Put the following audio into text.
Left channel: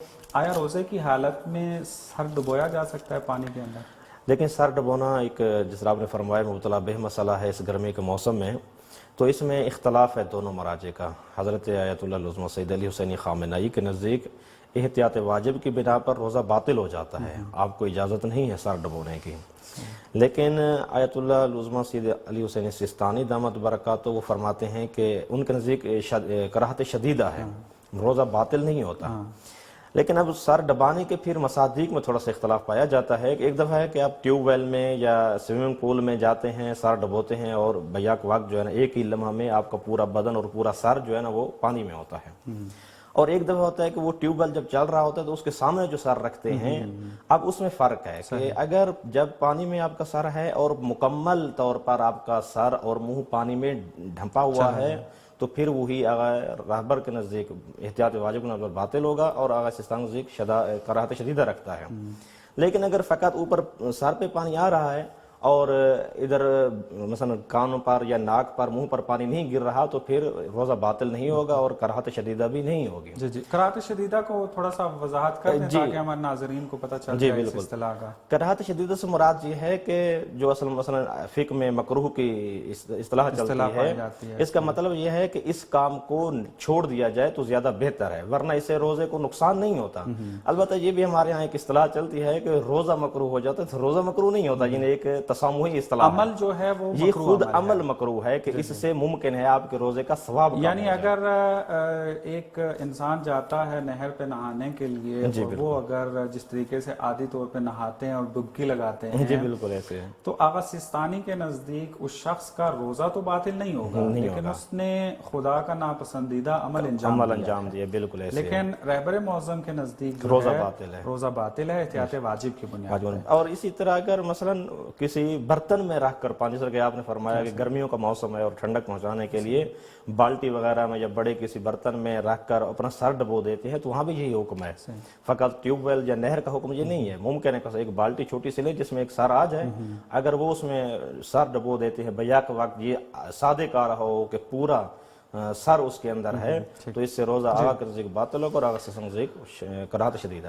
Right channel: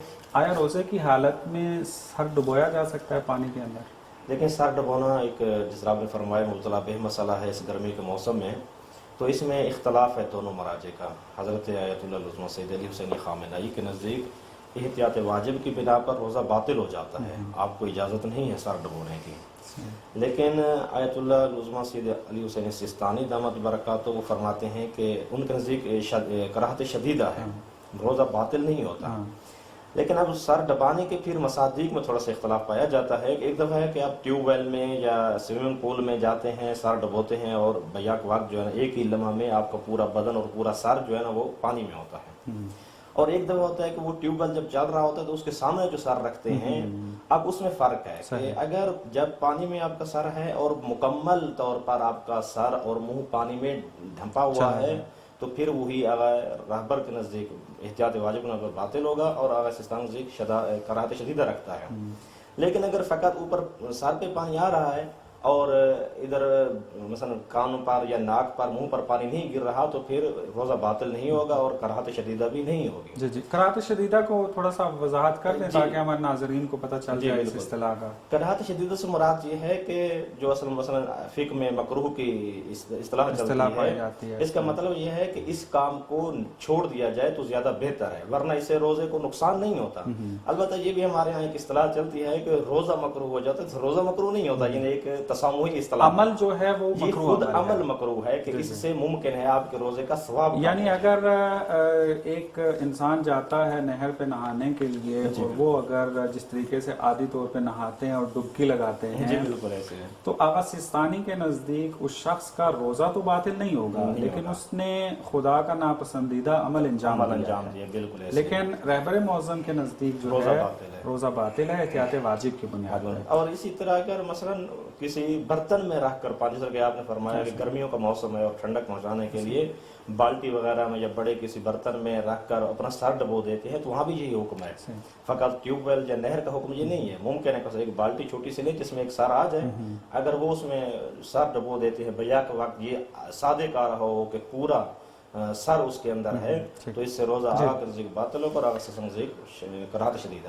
آیا روزے کی حالت میں سر ڈبویا جا سکتا ہے پانی کے اندر؟ دیکھیں، سر ڈبونا ایک جس طرح آپ نے فرمایا مبتلا بہ مسئلہ ہے اس گرمی کے موسم میں، تو اس میں اختلاف ہے دونوں مراجع کا۔ حضرت آیت اللہ العظمیٰ سید علی حسینی خامنہئی کے نزدیک احتیاط واجب کی بنا پر روزہ باطل ہو جاتا ہے، آپ کو اجازت نہیں ہے سر ڈبونے کی۔ لیکن آیت اللہ العظمیٰ سید علی حسینی سستانی دامت برکاتہ وہ فرماتے ہیں کہ ان کے نزدیک کراہت شدیدہ ہے، روزہ باطل نہیں ہوتا۔ لیکن اب سر ڈبانے کے پھر مصادیق میں تھوڑا سا اختلاف پایا جاتا ہے۔ ایک دفعہ ہے کہ آپ ٹیوب ویل میں یا سوئمنگ پول میں جاتے ہیں، سر ڈبوتے ہیں اور بیک وقت جو ہے نا ایک ہی لمحہ میں آپ کا پورا بدن اور پورا سر جو ہے نا وہ پانی میں ہوتا ہے۔ اور ایک دفعہ ہوتا ہے کہ وہ ٹیوب ویل جب چل رہا ہوتا ہے تو اس کے سامنے جو سر رکھتے ہیں، اب اس میں فرق ہے کہ اگر جب پانی میں آپ کا سر ہے اور مکمل طور پر آپ کا سر اور منہ پانی میں ڈھنپا ہوا ہے تو پھر وہی آغا رہبر کے نزدیک احتیاط واجب کے نظر باطل ہوگا اور آغا سستان نزدیک کراہت شدیدہ رکھتا ہے۔ لیکن اگر فقط اوپر سر پہ پانی آ رہا ہے اور ادھر مثلا کان پر یا ناک پر منہ پر پانی نہیں گر رہا تو پھر روزہ باطل نہیں ہوگا اور کراہت شدیدہ بھی نہیں ہوگی۔ جی کراہت شدیدہ کو تھوڑا سا وضاحت کر دیں تاکہ ہمارے ناظرین کو پتہ چل جائے اس اصطلاح کا۔ کراہت شدیدہ سے مراد یہ ہے کہ جو اصل مثلا فقہ میں مکروہ کی اصطلاح پائی جاتی ہے، اس کا مطلب یہ ہے کہ اس کام کو چھوڑ دیا جائے تو زیادہ بہتر ہے، ورنہ اس سے روزے کو نقصان نہیں ہوتا۔ البتہ یہ بھی ہمارے ہاں ایک اصطلاح چلتی ہے کہ روزہ مکروہ ہو جاتا ہے تو روزہ مکروہ نہیں ہوتا، یعنی ایک تسامحی اصطلاح عمل جو ہے وہ یہ مکروہ خود عمل مکروہ ہے کہ اس سے ممکن ہے آپ کے روزے کا ثواب۔ یعنی اگر ایک انسان جاتا ہے نہر پہ نہانے کے لیے اور وہ اگر جس طریقے سے عادی طور پہ نہاتے ہیں اور ڈبکی لگاتے ہیں بالکل ایسے ہے، تو آغا سستانی کے نزدیک اس شخص کا روزہ تو باطل نہیں ہوگا لیکن اس نے خدا کا ناپسندیدہ عمل انجام دیا، بالکل ایسے۔ لیکن رہبر معظم کے نزدیک جو ہے روزہ باطل ہے احتیاط واجب کی بنیاد پر۔ اور اسی طرح اگر مثلا کسی برتن میں رکھ کر پانی، جیسا کہ آپ نے فرمایا کہ گرمیوں کا موسم ہے اور ٹھنڈک پہنچانے کے لیے بالٹی وغیرہ میں یا بڑے کسی برتن میں رکھ کر اپنا سر ڈبو دیتے ہیں تو وہاں بھی یہی حکم ہے۔ فقط ٹیوب ویل یا نہر کا حکم یہ نہیں ہے، ممکن ہے کہ ایک بالٹی چھوٹی سی لے جس میں ایک سر آ جائے، اگر وہ اس میں سر ڈبو دیتے ہیں بیک وقت یہ سادے کار ہو کہ پورا سر اس کے اندر ہے تو اس سے روزہ آغا کے نزدیک باطل ہوگا اور آغا سے نزدیک کراہت شدید ہے۔